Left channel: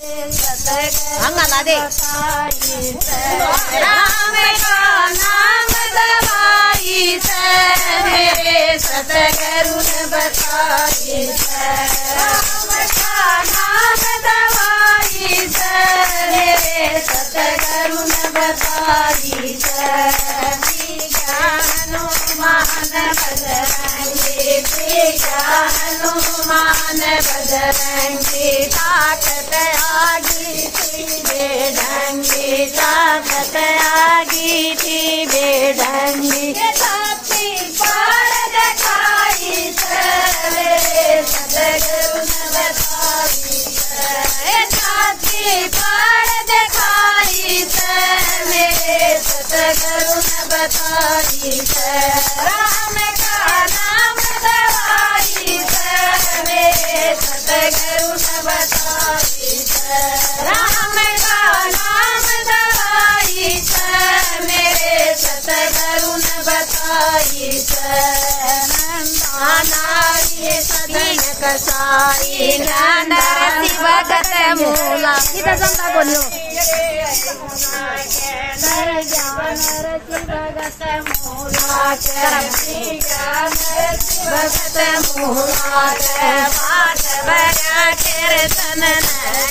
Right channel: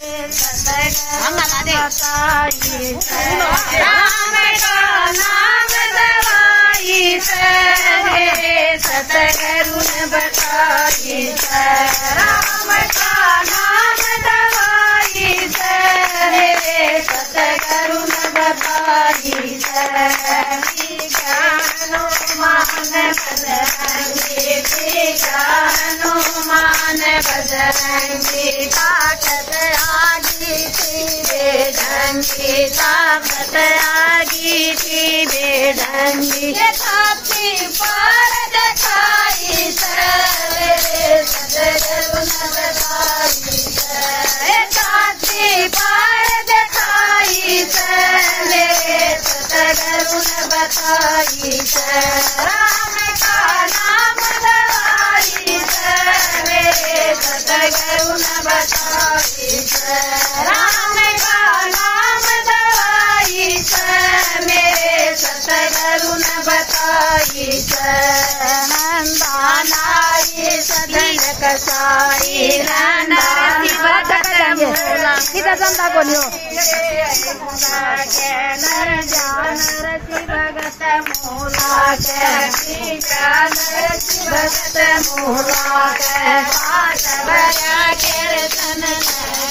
हम नला दे राम का नाम दवाई मेरे सतगुरु ने बताई राम का नाम दवाई मेरे सतगुरु ने बताई हनुमान बजरंगी ताकत आगी थी बेढंगी ताकत आगी थी बेढंगी साथी पर दिखाई सतगुरु ने बताई साथी पर दिखाई मेरे सतगुरु ने बताई राम का नाम दवाई मेरे सतगुरु ने बताई राम का नाम दवाई मेरे सतगुरु ने बताई नंदानाई सदन कसाई नंदानी भगत मूला किधर जनता को लियो भगत मूला भगत मूला बात भरा कीर्तन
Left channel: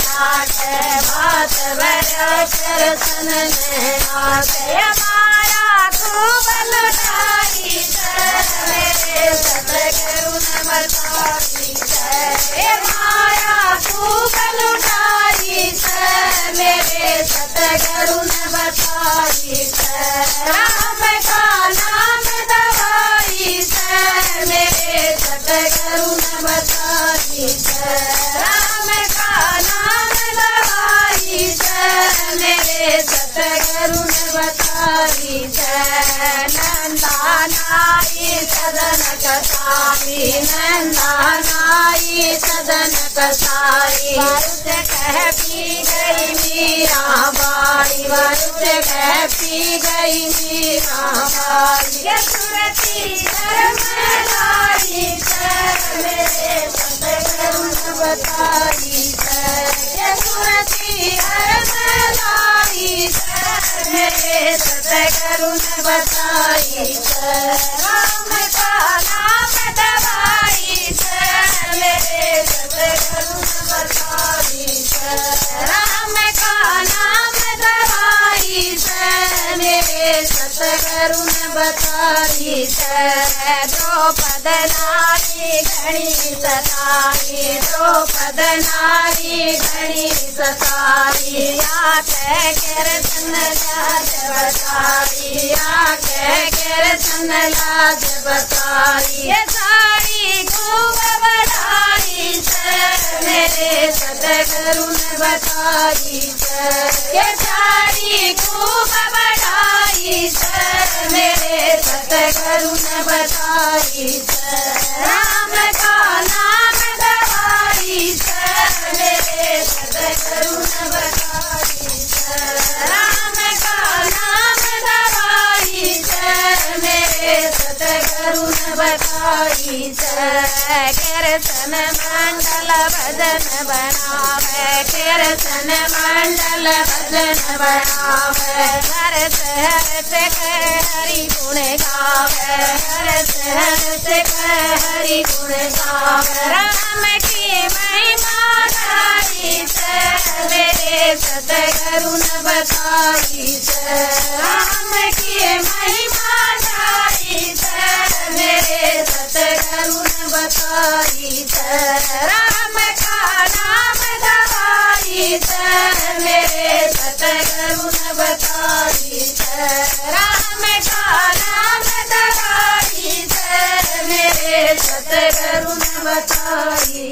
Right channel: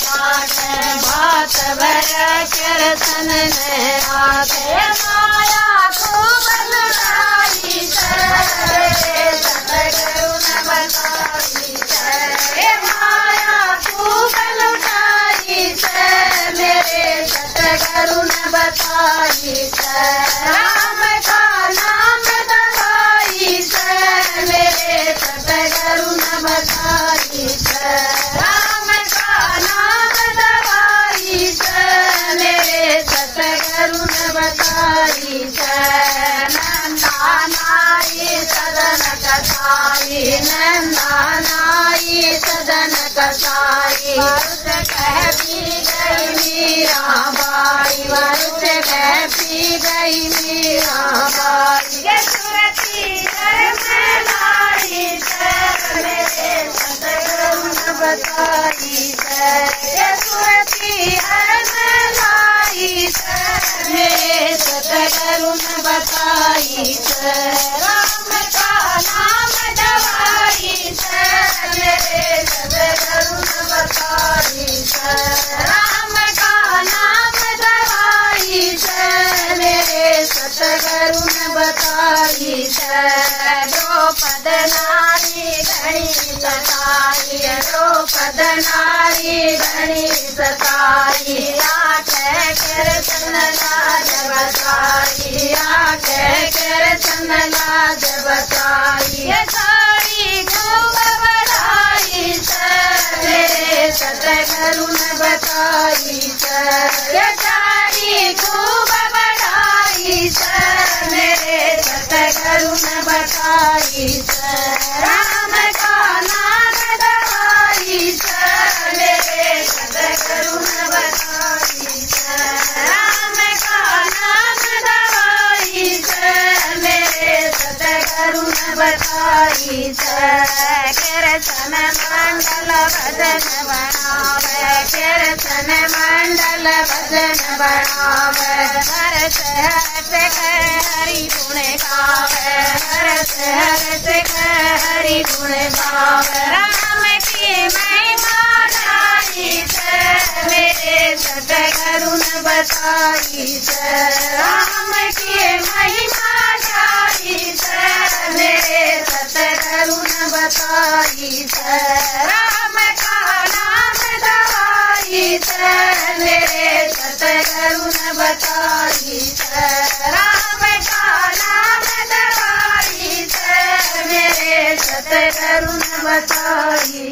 बात भरा कीर्तन माया खूब लुटाई सतगुरु ने बताई माया खूब लुटाई मेरे सतगुरु ने बताई राम का नाम दवाई मेरे सतगुरु ने बताई राम का नाम दवाई मेरे सतगुरु ने बताई नंदानाई सदन कसाई नंदानाई सदन कसाई कह पी गई मीराबाई वरुष कह पी गई मीराबाई ये सुरती में लाई मेरे सतगुरु ने बताई ये सुरती में लाई मेरे सतगुरु ने बताई राम का नाम दवाई मेरे सतगुरु ने बताई राम का नाम दवाई मेरे सतगुरु ने बताई द्रौपद नारी धनी सताई द्रौपद नारी धनी सताई कृष्ण लाज बताई कृष्ण लाज बताई साड़ी खूब बढ़ाई मेरे सतगुरु ने बताई साड़ी खूब बढ़ाई मेरे सतगुरु ने बताई राम का नाम दवाई मेरे सतगुरु ने बताई राम का नाम दवाई मेरे सतगुरु ने बताई कीर्तन मंडल भजन बनावे कीर्तन मंडल भजन बनावे हर्ष हर्ष हरि गुण गावे हर्ष हर्ष हरि गुण गावे राम की महिमा गाई मेरे सतगुरु ने बताई राम की महिमा गाई मेरे सतगुरु ने बताई राम का नाम दवाई मेरे सतगुरु ने बताई राम का नाम दवाई मेरे सतगुरु ने बताई